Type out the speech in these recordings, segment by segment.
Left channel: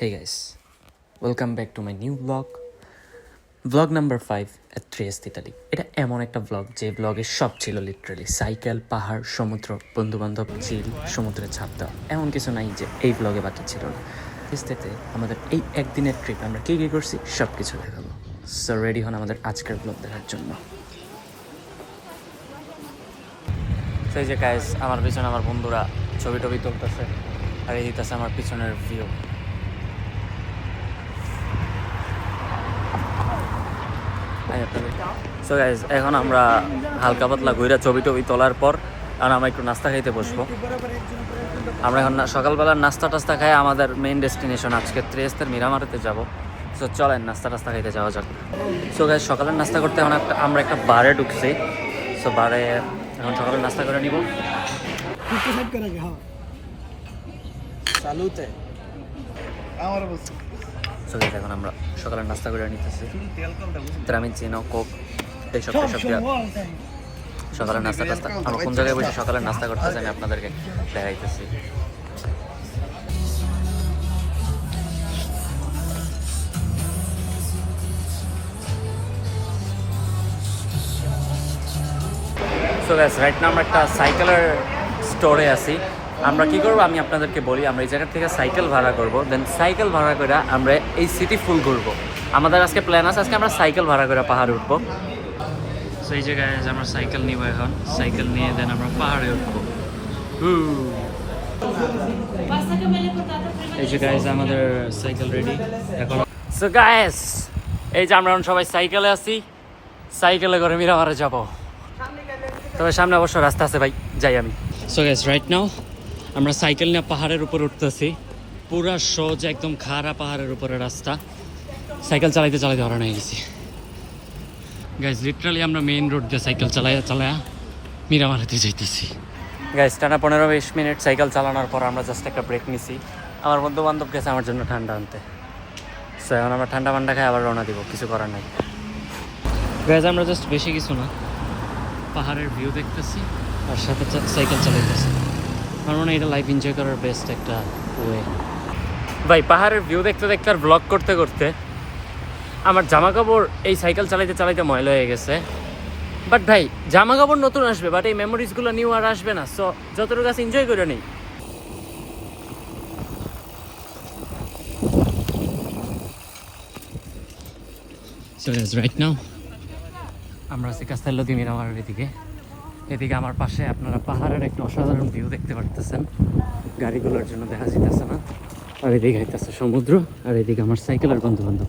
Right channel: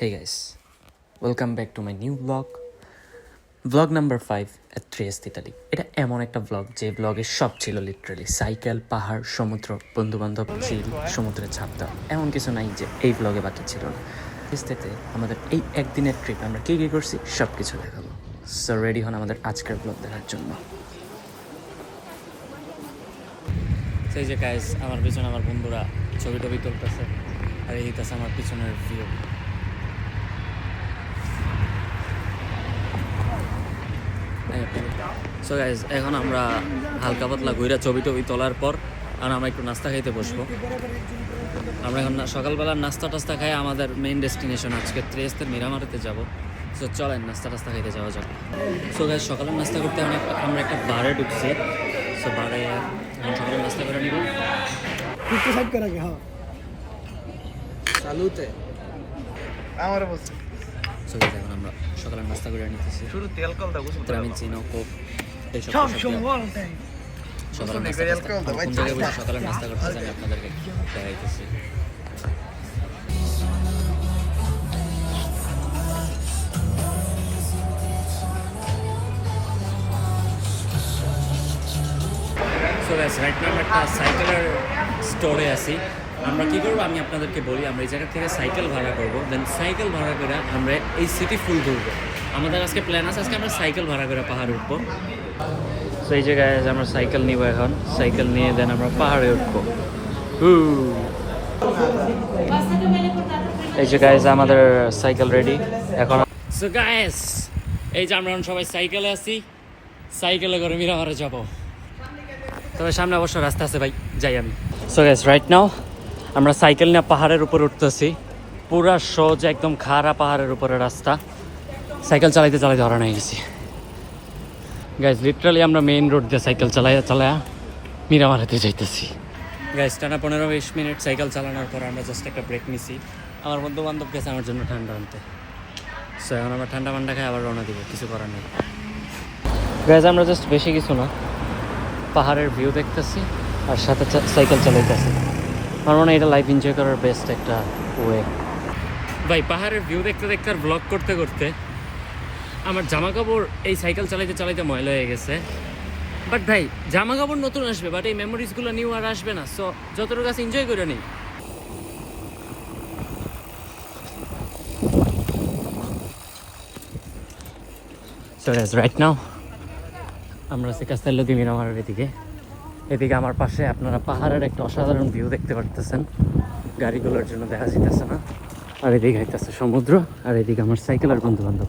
Hey guys, welcome back to my new vlog number 5 at 3S Italy. এটা এমন একটা vlog যে vlog-এ সব ছিল লিটারালি সাইকেল, পাহাড়, সমুদ্র, বন্ধু-বান্ধব, চিল, সমুদ্রে ঝাঁপ দেওয়া। এমন কিছু নাই যে এই vlog-এ বাকি ছিল না। ইস্তেতে আমাদের এই একদিনের ট্রিপ আমরা কী করছি সব কিছু দেখাবো। সো রেডি হন আমাদের আজকের vlog দেখার জন্য। সেই যে গাইস, আমার পিছনে আমার বন্ধুরা ছবি টবি তুলতেছে আর এই দিতেছে আমার পিছনের ভিউ। সো গাইজ, এখন আমরা হালকা পাতলা ঘুরে ছবি টবি তোলার পর আর আমরা একটু নাস্তা খাইতে বসবো। আমরা এখন সকালবেলার নাস্তা টাস্তা খাই আমাদের মেইন ডেস্টিনেশন আজকে ত্রিয়েস্তের মিরামারেতে যাব। সো চলেন নাস্তা টাস্তা খাইতে যাওয়া যাক। সো গাইজ, সকালের নাস্তা করতে এখন আমরা একটা বারে ঢুকছি। সো বারে এখন সকালের নাস্তা করে নিব। এখন আমরা সকালের নাস্তা করে নিতেছি আমি চিনো কোক এইসব সকালের নাস্তা আমরা কোন জায়গায় বসে সকালের নাস্তা করতে জানি আপনাদেরকে দেখাইতেছি। সো গাইস, রাইট নাও আমরা একটা সাইকেলের স্টোরে আছি। আমরা কি করবো আমি আপনাদেরকে বলি, আমরা এই জায়গা থেকে সাইকেল ভাড়া করব, দেন সাইকেল ভাড়া করে আমরা এই সিটি ফুল ঘুরবো। আমাদের আজকে প্ল্যান আছে, আজকে আমরা সাইকেল ভাড়া করে পাহাড়ে উঠবো। সো এই জায়গায় আমরা সাইকেল নিব, এখন সাইকেল নিয়ে দেন আমরা পাহাড়ে উঠবো। এই যে গাইজ আমাদের সাইকেল রেডি এখন। সো গাইজ, এই যে আমরা সবাই সাইকেলে আছি, সাইকেলে করে মিরামারে যাব। তবে সামনে অবশ্য রাস্তা আছে ভাই, যাই আমি। সো গাইজ, রাইট নাও আমরা সাইকেল নিয়ে পাহাড়ের উপর উঠতেছি। পুরা সোজা একদম খাড়া পাহাড়ের উপরে রাস্তা। সাইকেল চালাইতে চালাইতে হরান হয়ে গেছি গাইজ। লিটারালি আমরা মেইন রোড দিয়ে সাইকেল চালায়া মিরামারেতে যাইতেছি গাইজ। টানা 15-20 মিনিট সাইকেল চালানোর পর আমরা জাস্ট একটা ব্রেক নিছি। আমার বন্ধু বান্ধব গেছে আমার জন্য ঠান্ডা আনতে। সো এখন আমরা ঠান্ডা মান্ডা খাই আবার রওনা দিব, কিছু করার নেই গাইজ। আমরা জাস্ট বেশি কিছু না, পাহাড়ের ভিউ দেখতেছি আর সাথে সাইকেল চালাইতেছি। আমার মনে হয় এটা লাইফ এনজয় করার বেস্ট একটা ওয়ে ভাই। পাহাড়ের ভিউ দেখতে দেখতে আর ব্লগ করতে করতে আমার জামা কাপড় এই সাইকেল চালাইতে চালাইতে ময়লা হয়ে গেছে। বাট ভাই, জামা কাপড় নতুন আসবে, বাট এই মেমোরিজগুলো নিউ আর আসবে না। সো যতটুকু কাছে এনজয় করে নেই। সো রাইট নাও আমরা আছি কাস্তেলো দি মিরামারের এদিকে আমার পাশে আপনারা পাহাড়ের একটা অসাধারণ ভিউ দেখতে পারতেছেন, গাড়িগুলোর জন্য দেখা যাইতেছে না। আর এদিকে হইতেছে সমুদ্র, আর এদিকে আমার সাইকেলের বন্ধু বান্ধব।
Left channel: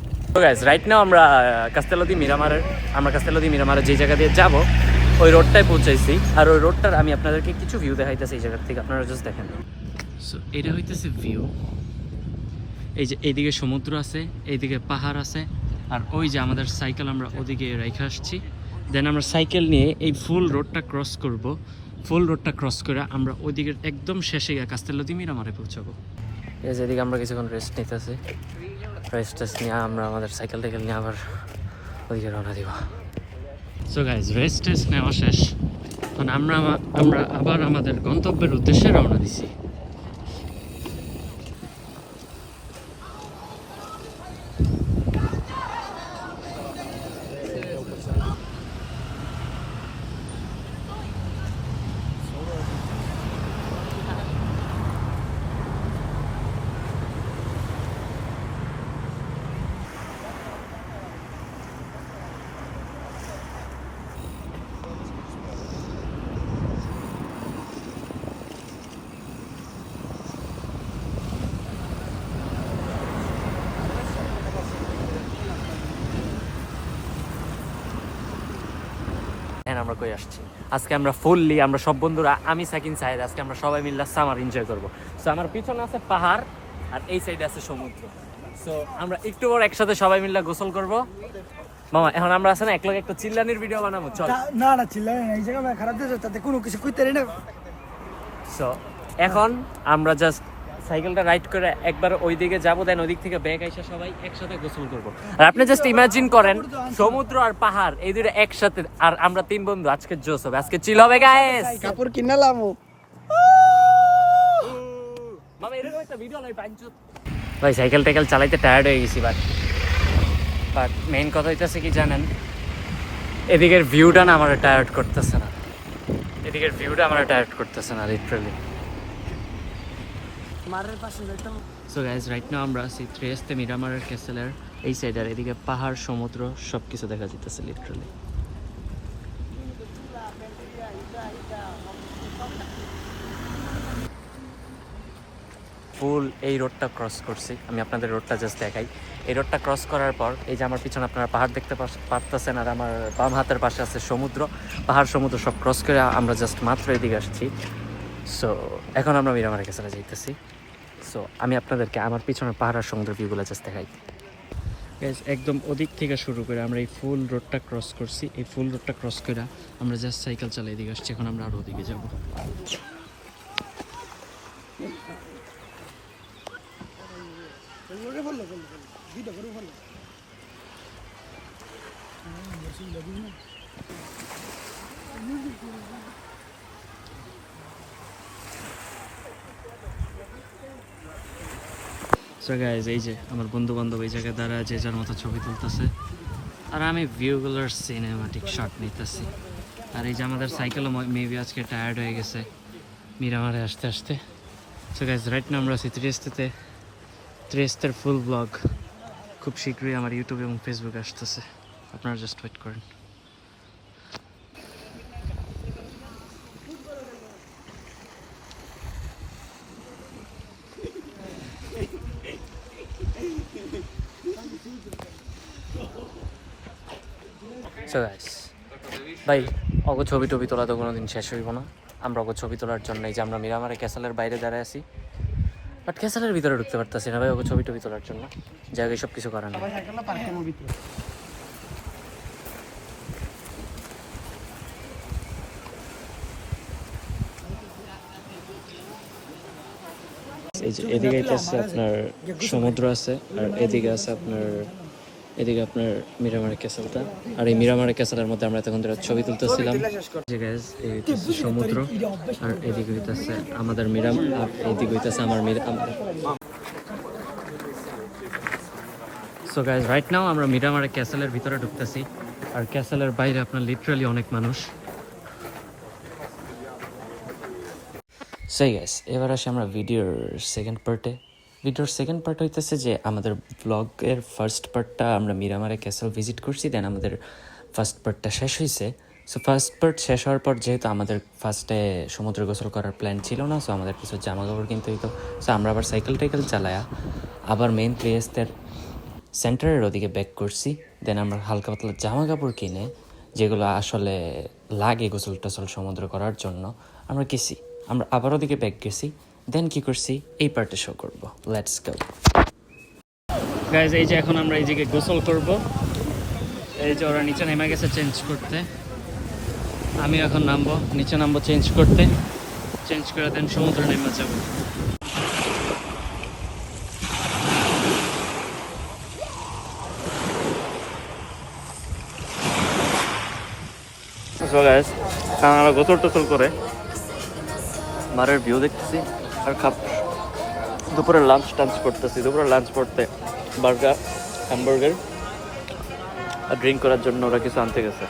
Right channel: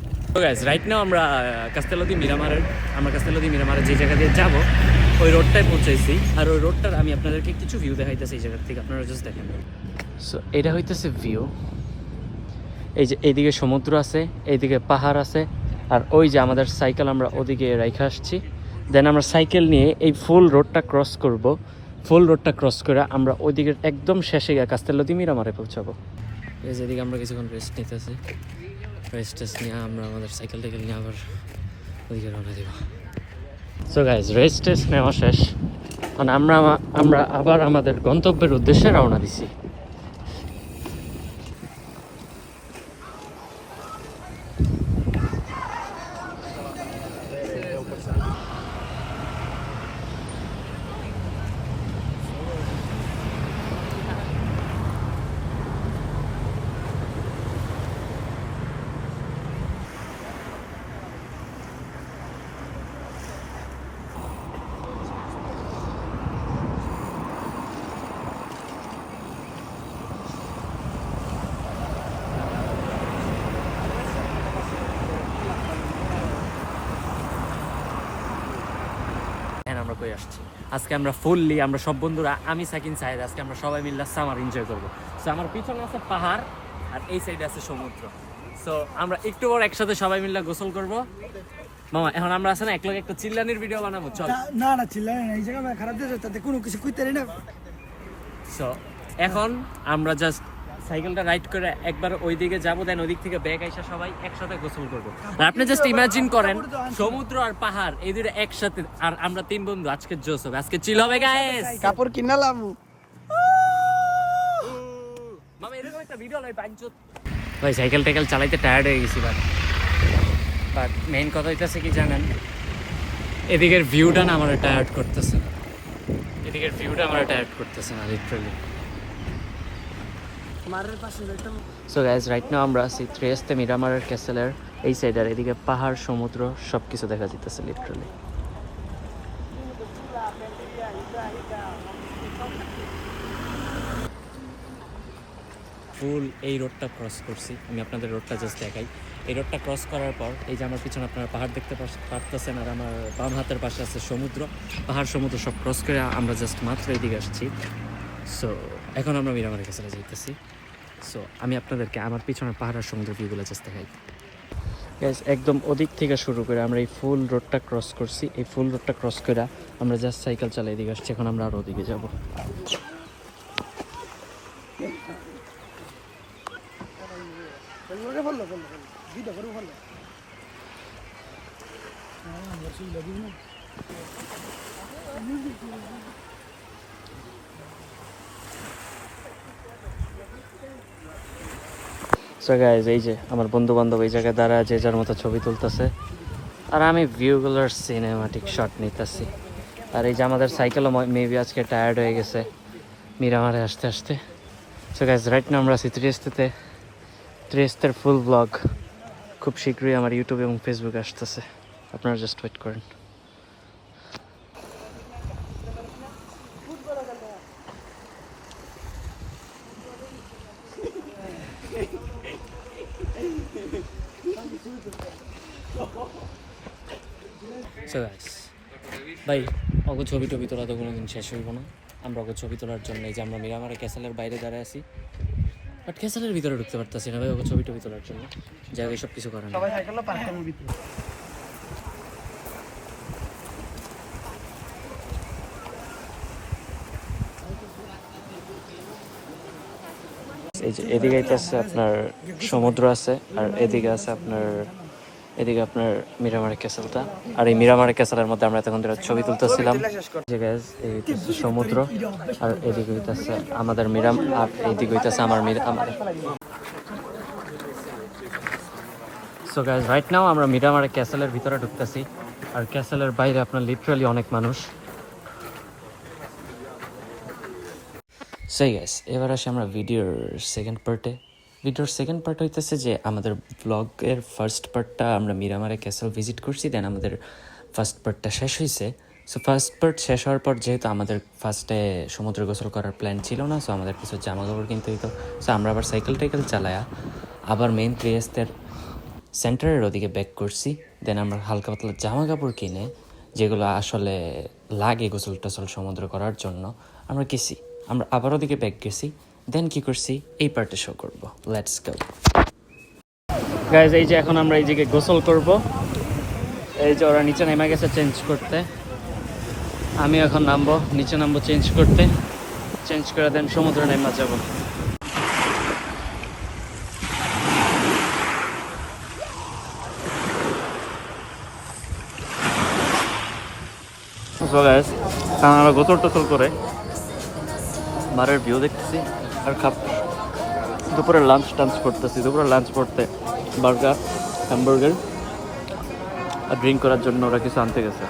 রাইট নাও আমরা কাস্তেলো দি মিরামারের যে জায়গা দিয়ে যাব ওই রোডটায় পৌঁছাইছি। আর ওই রোডটার আমি আপনাদেরকে কিছু ভিউ দেখাইতেছি এই জায়গা থেকে, আপনারা জাস্ট দেখেন। সো এটা হইতেছে ভিউ। এই যে এইদিকে সমুদ্র আছে, এইদিকে পাহাড় আছে, আর ওই যে আমাদের সাইকেল আমরা ওদিকে রাইখা আসছি। দেন আমরা সাইকেল নিয়ে এই ফুল রোডটা ক্রস করব। ফুল রোডটা ক্রস করে আমরা ওইদিকে একদম শেষে গিয়ে কাস্তেলো দি মিরামারে পৌঁছাবো। এই যে এদিকে আমরা কিছুক্ষণ রেস্ট নিতেছি। রেস্ট নিয়ে আমরা আমাদের সাইকেল নিয়ে আবার ওইদিকে রওনা দিব। সো গাইজ, রেস্ট নেওয়া শেষ, মানে আমরা আবার আমাদের গন্তব্যের উদ্দেশ্যে রওনা দিছি। আমরা কই আসছি আজকে, আমরা ফুললি আমরা সব বন্ধুরা, আমি সাকিন সাহেদ, আজকে আমরা সবাই মিলে সামার এনজয় করবো। সো আমার পিছনে আছে পাহাড় আর এই সাইডে আছে সমুদ্র। সো আমরা একটু পর একসাথে সবাই মিলে গোসল করব। মামা এখন আমরা আছে না একলগে একটা চিল্লানির ভিডিও বানাবো, চল। না না চিল্লানি না, এই জায়গা খারাপ দিয়েছে, তাতে কোনো কিছু কইতে না। সো এখন আমরা জাস্ট সাইকেলটা রাইড করে একবার ওইদিকে যাবো, দেন ওইদিক থেকে ব্যাগ এসে সবাই একসাথে গোসল করবো। আর আপনি জাস্ট ইমাজিন করেন সমুদ্র আর পাহাড় এই দুটো একসাথে, আর আমরা 3 বন্ধু। আজকে জোশ হবে, আজকে চিল হবে গাইস। কাপড় কিনালাম মামা এরকম একটা ভিডিও নাই পাঁচজত। ভাই সাইকেল টাইকেল চালাইতে টায়ার্ড হয়ে গেছি বাট মেইন কথা হইতেছে কি জানেন, এদিকের ভিউটা না আমার টায়ার্ড করতেছে না, লিটারালি। মারের পাশে একটা সো গাইজ রাইট নাও আমরা আছি ত্রিয়েস্তে মিরামারের ক্যাসেলের এই সাইড, আর এদিকে পাহাড় সমুদ্র সব কিছু দেখা যেতেছে লিটারালি। ফুল এই রোডটা ক্রস করছি আমি, আপনাদের রোডটা জাস্ট দেখাই। এই রোডটা ক্রস করার পর এই যে আমার পিছনে আপনারা পাহাড় দেখতে পারতেছেন, আর আমার বাম হাতের পাশে আছে সমুদ্র, পাহাড় সমুদ্র সব ক্রস করে আমরা জাস্ট মাত্র এদিকে আসছি। সো এখন আমরা মিরামারের ক্যাসেলে যাইতেছি। সো আমি আপনাদেরকে আমার পিছনের পাহাড় আর সমুদ্র ভিউগুলো জাস্ট দেখাই। গাইস একদম ওদিক থেকে শুরু করে আমরা এই ফুল রোডটা ক্রস করছি, এই ফুল রোডটা ক্রস করে আমরা জাস্ট সাইকেল চালাই এদিকে আসছি। এখন আমরা আরও ওদিকে যাবো। সো গাইজ এই যে আমার বন্ধু বান্ধব এই জায়গায় দাঁড়া যে যার মতো ছবি তুলতেছে, আর আমি ভিউগুলোর সিনেমাটিক শট নিতেছি। আর এই যে আমাদের সাইকেলও মেবি আজকে টায়ার্ড হয়ে গেছে মিরামারে আসতে আসতে। সো গাইজ রাইট না আমরা আছি ত্রিয়েস্তের ফুল ব্লগ খুব শীঘ্রই আমার ইউটিউব এবং ফেসবুকে আসতেছে, আপনারা জাস্ট ওয়েট করেন। ভাই অগো ছবি টবি তোলা তো কোনোদিন শেষ হইব না। আমরা অগো ছবি তোলার জন্য এই যে আমরা মিরামারে ক্যাসেলের বাইরে দাঁড়ায় আছি, বাট ক্যাসেলের ভিতরে ঢুকতে পারতেছি না ভাই, ওগো ছবি টবি তোলার জন্য জায়গায় সব কিছু করার না। এই যে এদিকে আছে আপনার সমুদ্র আছে, আর এদিকে আছে আপনার মিরামারের ক্যাসেলটা। আর এই মিরামারের ক্যাসেলের মধ্যে আমরা তখন ছবি তুলতেছিলাম। এই হইতেছে সমুদ্র, আর এদিকে হইতেছে আমাদের আর এইদিকে হইতেছে আমাদের। সো গাইজ রাইট নাও আমরা মিরামারের ক্যাসেলের ভিতরে ঢুকতেছি, আর ক্যাসেলের বাইরে আপনার লিটারালি অনেক মানুষ। সেই গাইস এবার আসি আমরা ভিডিওর সেকেন্ড পার্ট হইতেছে যে আমাদের ব্লগের ফার্স্ট পার্টটা আমরা মিরামারে ক্যাসেল ভিজিট করছি, দেন আমাদের ফার্স্ট পার্টটা শেষ হয়েছে। সো ফার্স্ট পার্ট শেষ হওয়ার পর যেহেতু আমাদের ফার্স্টে সমুদ্র গোসল করার প্ল্যান ছিল না, সো আমাদের কিছু জামা কাপড় কিনতে হইতো। সো আমরা আবার সাইকেল চালায়া আবার মেইন ত্রিয়েস্তের সেন্টারের ওদিকে ব্যাক করছি। দেন আমরা হালকা পাতলা জামা কাপড় কিনে যেগুলো আসলে লাগে গোসল টোসল সমুদ্র করার জন্য আমরা আবার ওদিকে ব্যাক গেছি। দেন কি করছি এই পার্টে শো করবো, লেটস গো গাইজ। এই যে এখন আমরা এই দিকে গোসল করব, এই যে ওরা নিচে নেমে গেছে চেঞ্জ করতে, আমি এখন নিচে নামবো চেঞ্জ করে দেন সমুদ্রে নেমে যাবো। আমরা গোসল টোসল করে মারের ভিউ দেখতেছি, দুপুরে লাঞ্চ করতেছি। দুপুরে লাঞ্চ করতে বার্গার হ্যামবার্গার আর ড্রিঙ্ক করার জন্য ওরা কিছু আনতে গেছে।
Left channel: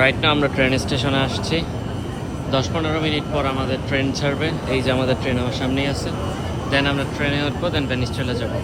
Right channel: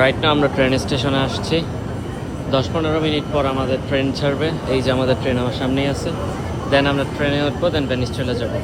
রাইট না আমরা ট্রেন স্টেশনে আসছি, 10-15 মিনিট পর আমাদের ট্রেন ছাড়বে। এই যে আমাদের ট্রেন আমার সামনেই আছে, দেন আমরা ট্রেনে উঠবো, দেন ভেনিস চলে যাবো।